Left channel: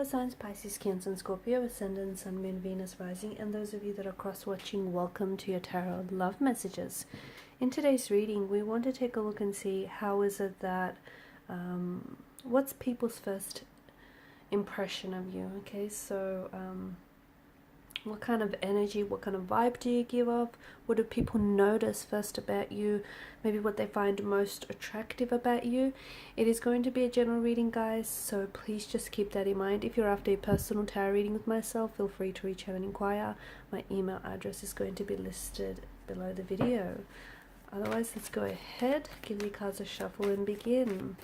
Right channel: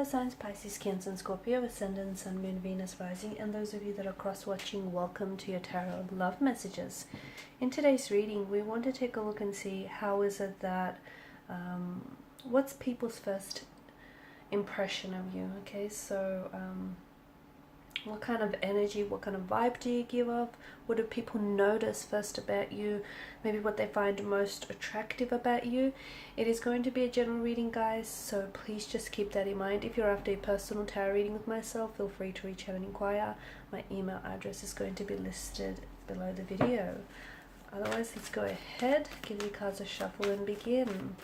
Water signs Pisces, Cancer and Scorpio, Ascendant, Sun, Moon, Venus, Rising, and those of you that are cross-watching, welcome to your Tarot Love Messages. In today's reading, we want to take a look and see how is it that, what's people's first impression of you, okay? So, what kind of energy, what kind of vibe do you give off? What do people notice first about you? Maybe what they find most attractive about you. It is going to be a general reading, guys, so please just keep that in mind. If you're after a personal tarot reading with myself, feel free to reach out and inquire. My email address is going to be listed below the video. Otherwise, let's go ahead, give the cards a shuffle and begin.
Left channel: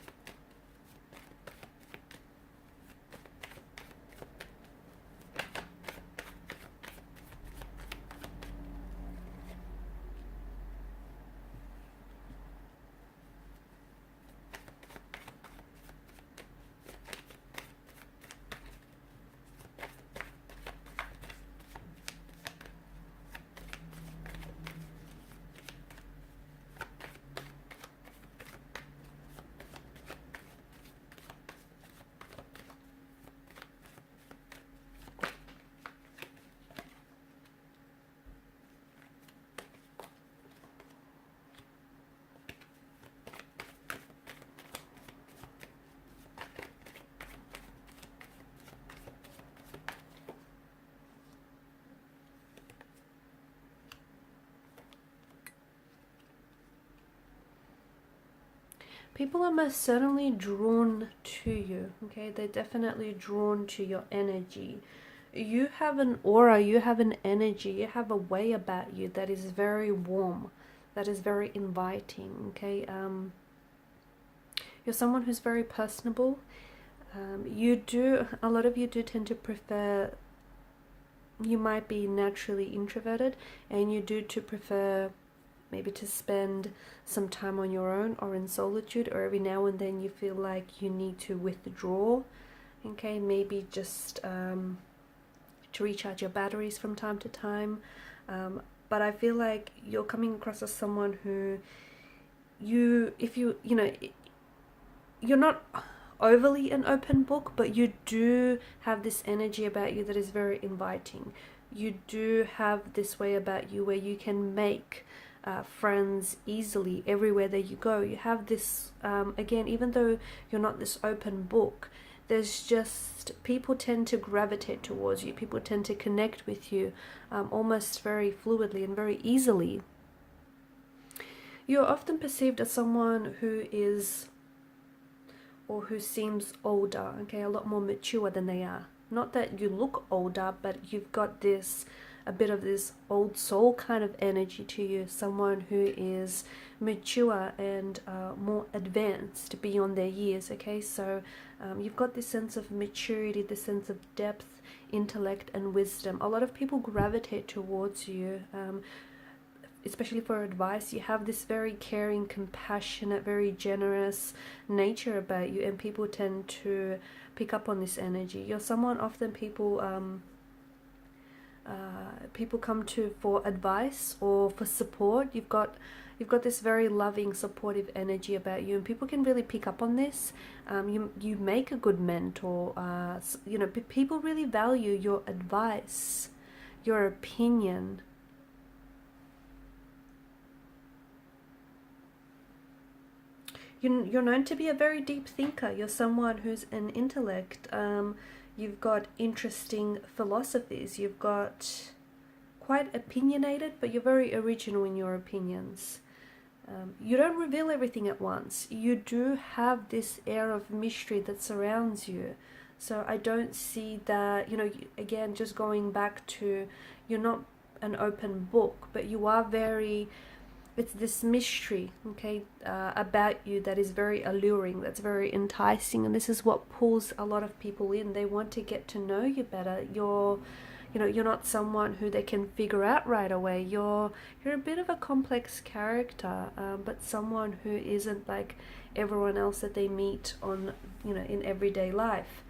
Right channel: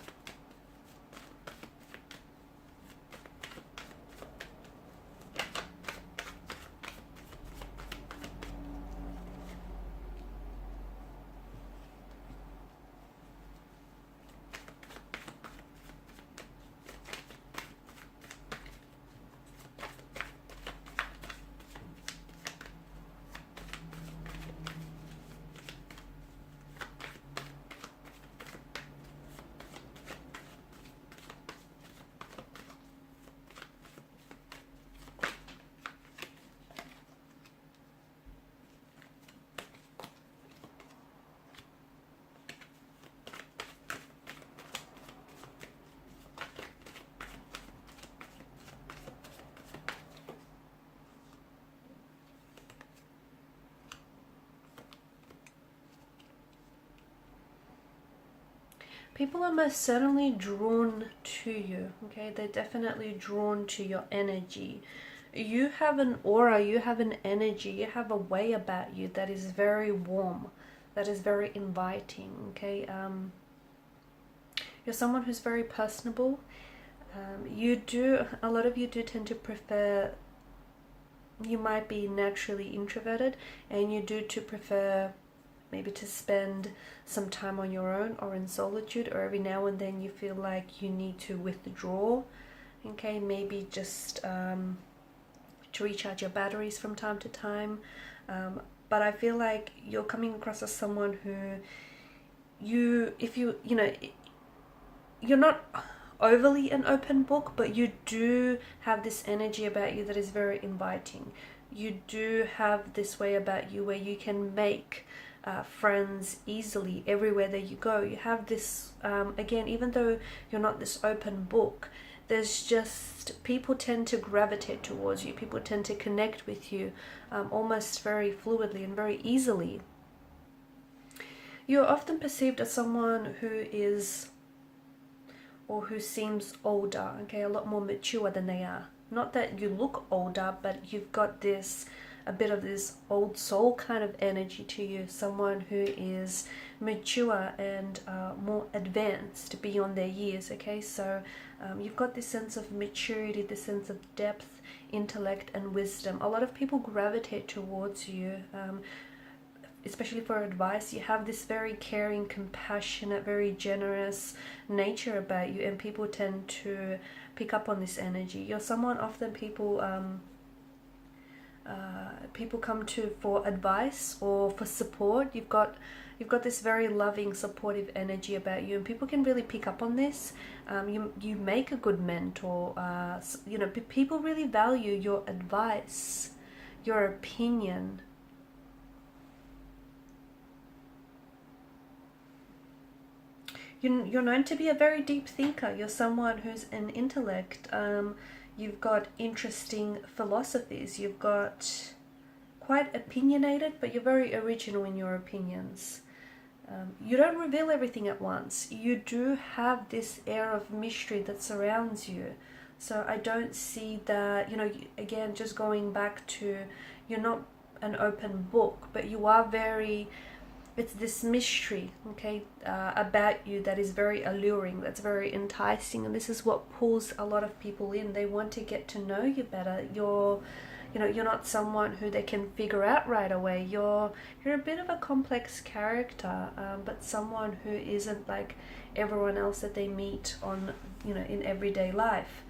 People are most certainly drawn to you, okay? They're definitely drawn to your energy. You have an aura, you have an energy, you have a way about you that is very warm, that is very inviting, okay? You're someone who's very personable. A lot of you do tend to prefer, you might be naturally introverted, and you do prefer maybe to spend some time on your own or in solitude, or every now and then you feel like you need to withdraw, okay? Maybe just to recharge your batteries from time to time. But I feel like you're coming across as someone who you're not overly an open book, but you do have this energy about you that is very inviting. You do have this way about you where you can make friends easily everywhere that you go. You have this, again, even though you're not this open book, there's just, people tend to gravitate towards you. People tend to connect with you almost very fluidly and very easily. You're often perceived as someone who is, or who seems older, okay, a lot more mature than they are. Not that you look older, but you've got this, a bit of this old soul kind of energy to you, someone who is mature and more advanced beyond their years, okay? So you've got this sense of maturity, this sense of depth, intellect and wisdom. A lot of people gravitate towards you, especially for advice. You have this very caring, compassionate, very generous nature about you, and people tend to pick up on this energy. You're someone often people come to for advice or for support. You've got this very loving, supportive energy about you, and people can really pick up on this. You make a good mentor. People really value your advice, your opinion. You're known to be a very deep thinker. You're someone who's an intellect. You've got interesting philosophies. You've got quite opinionated, but you're very original in your opinions. You don't reveal everything at once. You do have this air of mystery that surrounds you. So I don't see that, again, just going back to, you're not an open book, but you are very, it's this mystery, okay, about you that is very alluring, that's very enticing, and this is what pulls a lot of people in. They want to get to know you better. You're not someone who they can figure out right away. You're a bit of a complex character, but someone who isn't like everyone else that they meet on, in everyday life.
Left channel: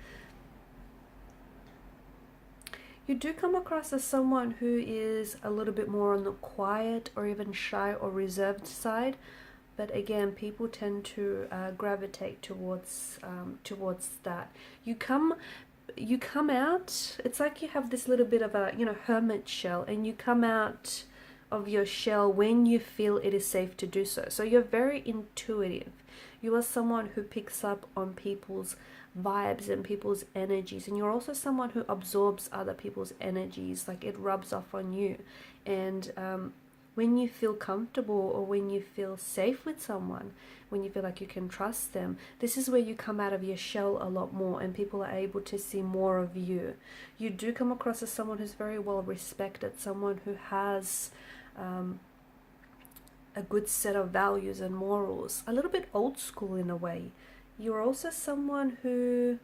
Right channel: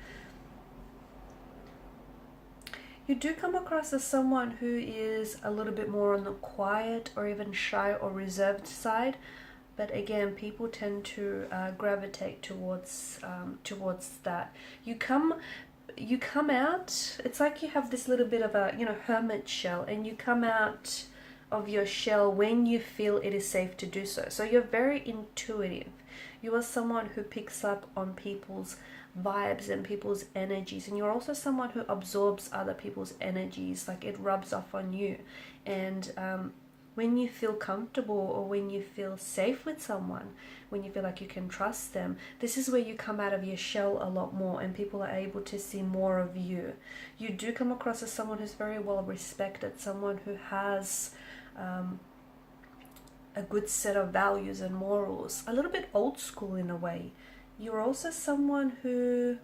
You do come across as someone who is a little bit more on the quiet or even shy or reserved side, but again, people tend to gravitate towards that. You come you come out, it's like you have this little bit of a, hermit shell, and you come out of your shell when you feel it is safe to do so. So you're very intuitive. You are someone who picks up on people's vibes and people's energies, and you're also someone who absorbs other people's energies, like it rubs off on you. And when you feel comfortable, or when you feel safe with someone, when you feel like you can trust them, this is where you come out of your shell a lot more, and people are able to see more of you. You do come across as someone who's very well respected, someone who has a good set of values and morals, a little bit old school in a way. You're also someone who,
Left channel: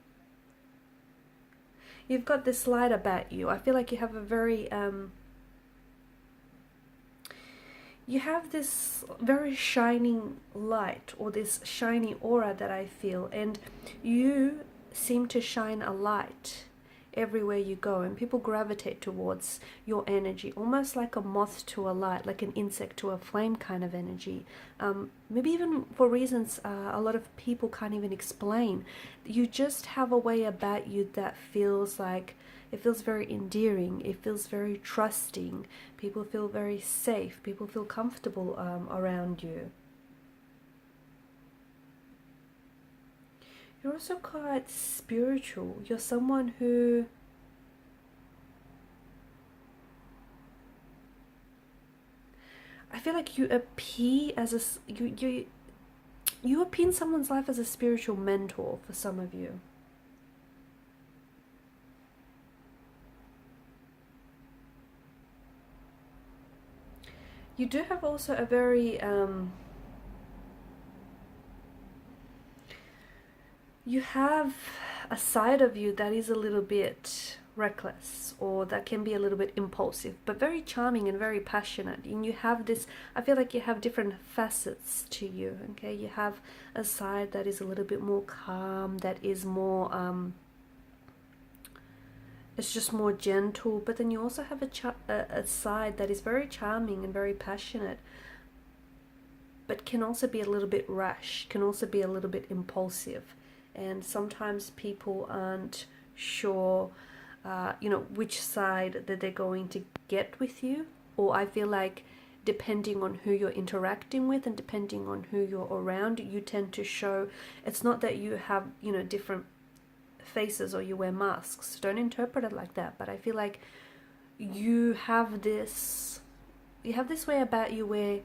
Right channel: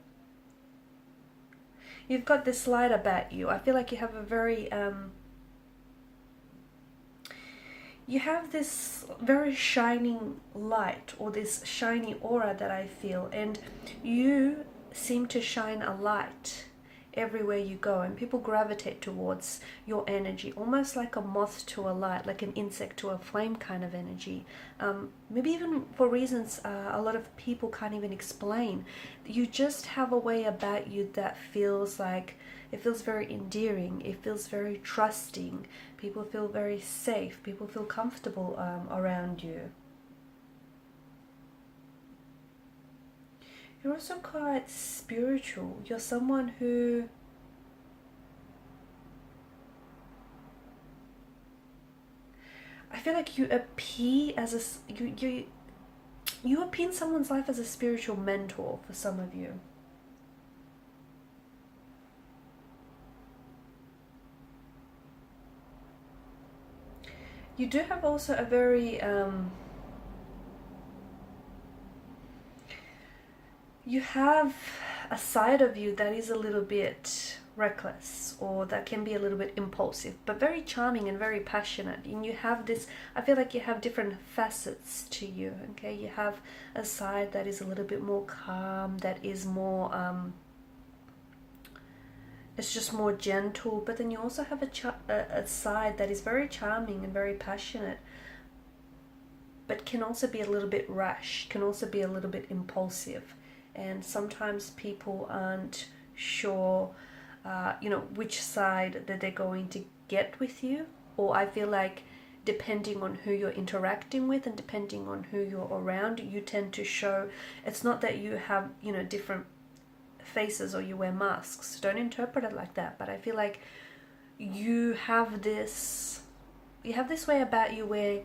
you've got this light about you. I feel like you have a very you have this very shining light, or this shiny aura that I feel, and you seem to shine a light everywhere you go, and people gravitate towards your energy, almost like a moth to a light, like an insect to a flame kind of energy. Maybe even for reasons a lot of people can't even explain. You just have a way about you that feels like, it feels very endearing, it feels very trusting, people feel very safe, people feel comfortable around you. You're also quite spiritual. You're someone who I feel like you appear as a you appear in someone's life as a spiritual mentor for some of you. You do have also a very you have a side of you that is a little bit reckless, or that can be a little bit impulsive, but very charming and very passionate. And you have this, I feel like you have different facets to you, okay? You have a side that is a little bit more calm, that is more it's just more gentle, but then you also have a side that is very charming and very passionate, but can also be a little bit rash, can also be a little bit impulsive. And sometimes people aren't sure, which side that they're going to get with you. Or I feel like depending on who you're interacting with and depending on who you're around, you tend to show, it's not that you have, different faces or you wear masks. Don't interpret it like that. But I feel like you have this way about you where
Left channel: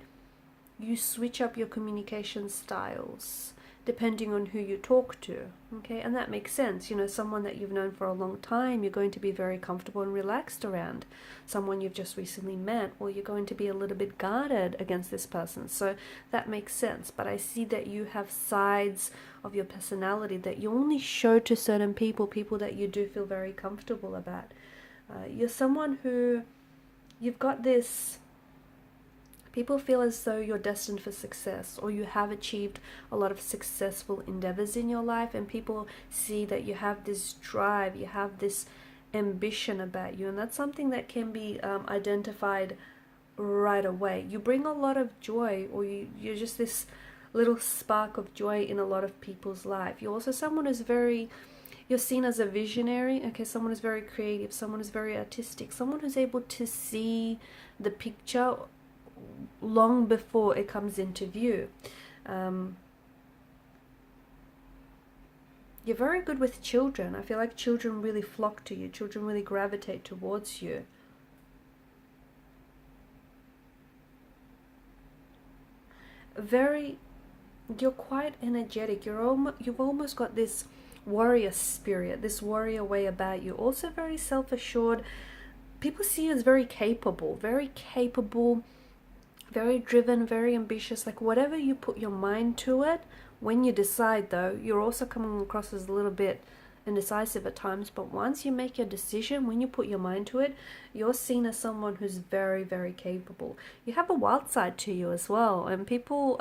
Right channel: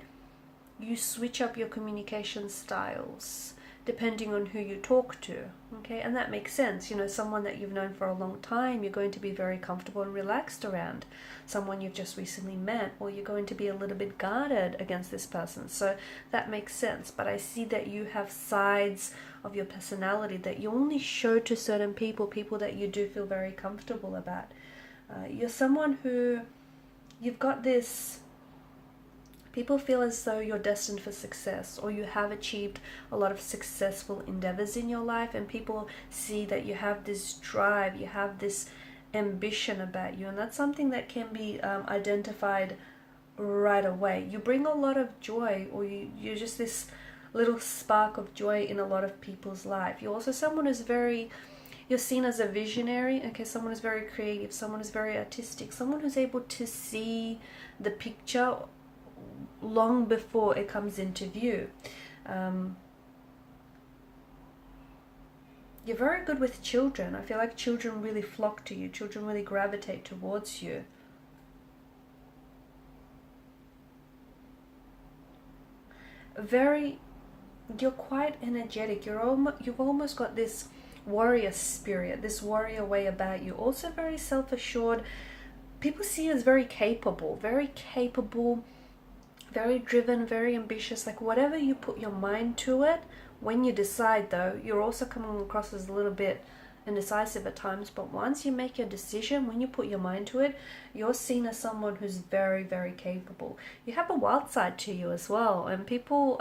you switch up your communication styles depending on who you talk to, okay? And that makes sense. Someone that you've known for a long time, you're going to be very comfortable and relaxed around. Someone you've just recently met, or you're going to be a little bit guarded against this person. So that makes sense. But I see that you have sides of your personality that you only show to certain people that you do feel very comfortable about. You're someone who, you've got this, people feel as though you're destined for success, or you have achieved a lot of successful endeavors in your life, and people see that you have this drive, you have this ambition about you, and that's something that can be identified right away. You bring a lot of joy, or you're just this little spark of joy in a lot of people's life. You're also someone who's you're seen as a visionary, okay? Someone who's very creative, someone who's very artistic, someone who's able to see the picture long before it comes into view. You're very good with children. I feel like children really flock to you. Children really gravitate towards you. You're quite energetic. You've almost got this warrior spirit, this warrior way about you. Also very self-assured. People see you as very capable, very driven, very ambitious. Like whatever you put your mind to it, when you decide though, you're also coming across as a little bit indecisive at times, but once you make your decision, when you put your mind to it, you're seen as someone who's very, very capable. You have a wild side to you as well, and people,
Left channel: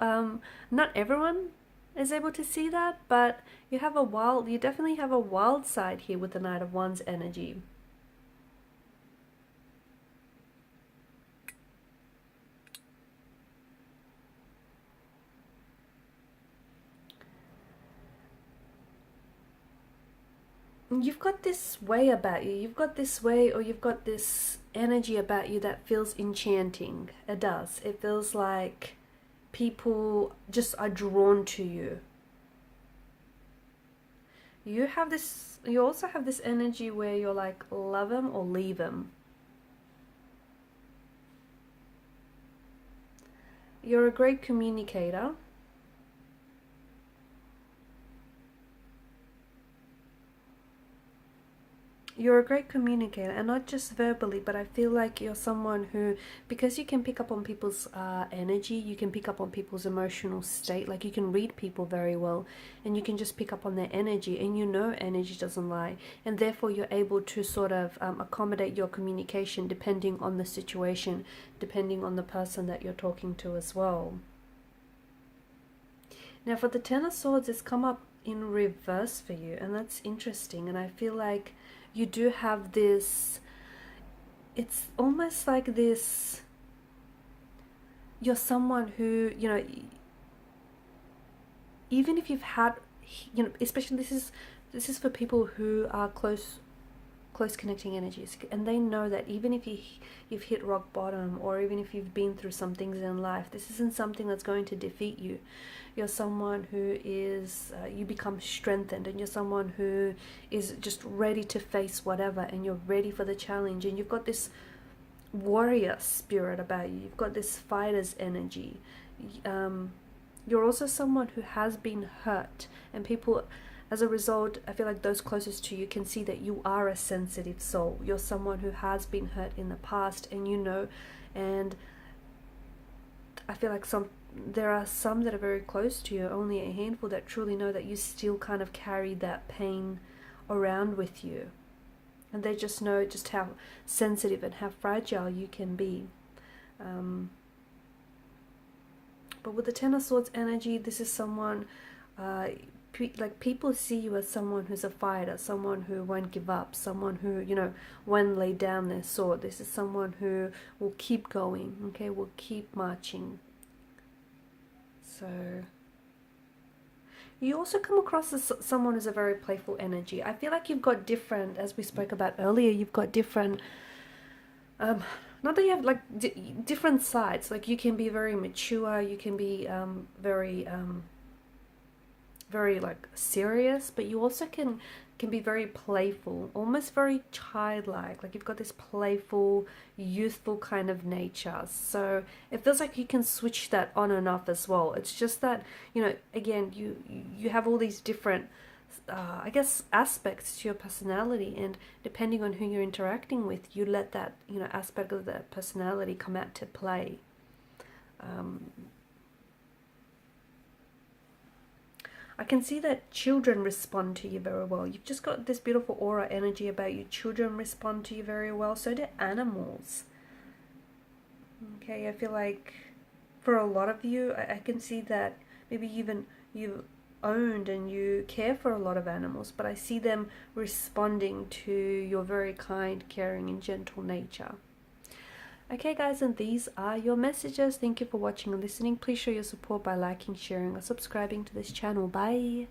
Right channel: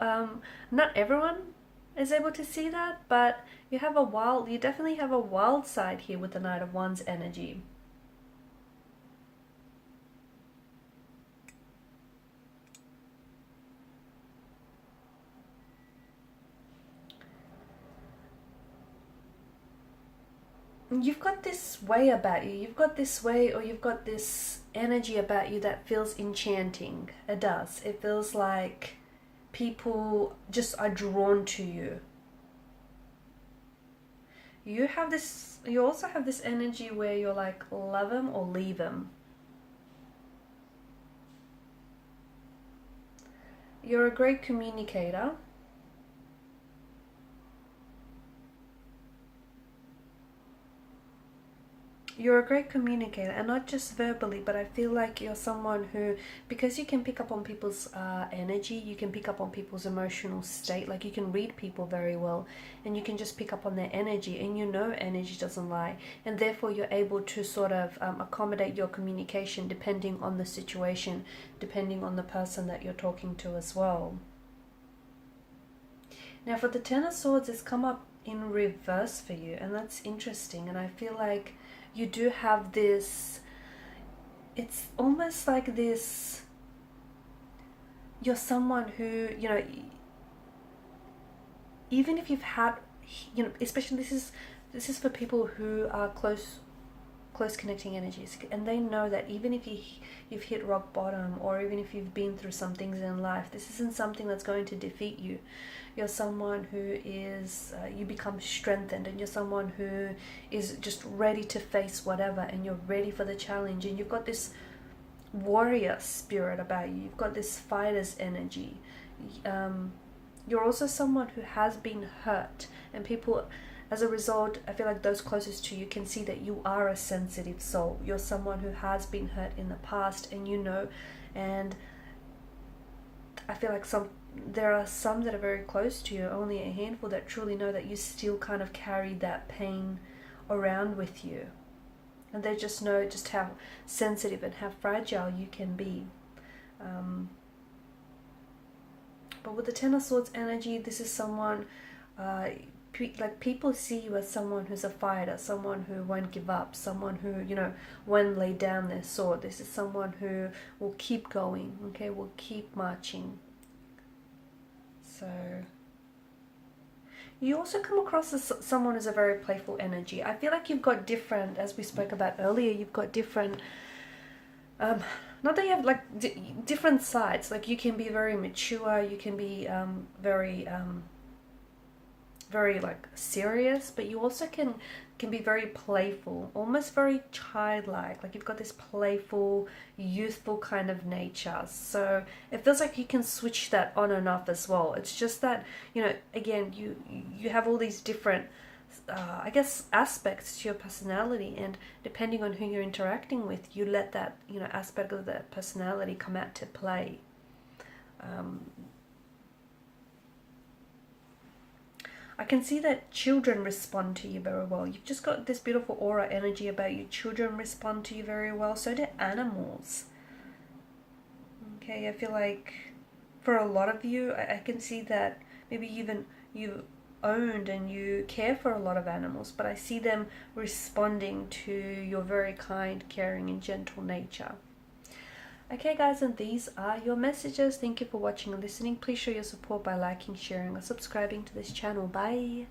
not everyone is able to see that, but you definitely have a wild side here with the Knight of Wands energy. you've got this way about you. You've got this way, or you've got this energy about you that feels enchanting. It does. It feels like people just are drawn to you. You have this, you also have this energy where you're like, love them or leave them. You're a great communicator. You're a great communicator, and not just verbally, but I feel like you're someone who, because you can pick up on people's energy, you can pick up on people's emotional state, like you can read people very well, and you can just pick up on their energy, and you know energy doesn't lie, and therefore you're able to sort of accommodate your communication depending on the situation, depending on the person that you're talking to as well. Now for the Ten of Swords, it's come up in reverse for you, and that's interesting, and I feel like you do have this, it's almost like this, you're someone who, you know, even if you've had, you know, especially this is for people who are close connecting energies, and they know that even if you've hit rock bottom, or even if you've been through some things in life, this isn't something that's going to defeat you. You're someone who is, you become strengthened, and you're someone who is just ready to face whatever, and you're ready for the challenge, and you've got this warrior spirit about you. You've got this fighter's energy. You're also someone who has been hurt, and people, as a result, I feel like those closest to you can see that you are a sensitive soul. You're someone who has been hurt in the past, and you know, and I feel like there are some that are very close to you, only a handful that truly know that you still kind of carry that pain around with you. And they just know just how sensitive and how fragile you can be. But with the Ten of Swords energy, this is someone, like people see you as someone who's a fighter, someone who won't give up, someone who, you know, won't lay down their sword. This is someone who will keep going, okay, will keep marching. So you also come across as someone who's a very playful energy. I feel like you've got different, as we spoke about earlier, you've got different, not that you have like different sides. Like you can be very mature, you can be very like serious, but you also can be very playful, almost very childlike. Like you've got this playful, youthful kind of nature. So it feels like you can switch that on and off as well. It's just that, you know, again, you have all these different, I guess, aspects to your personality, and depending on who you're interacting with, you let that, you know, aspect of that personality come out to play. I can see that children respond to you very well. You've just got this beautiful aura energy about you. Children respond to you very well. So do animals. Okay, I feel like for a lot of you, I can see that maybe even you owned and you care for a lot of animals, but I see them responding to your very kind, caring, and gentle nature. Okay guys, and these are your messages. Thank you for watching and listening. Please show your support by liking, sharing, or subscribing to this channel. Bye.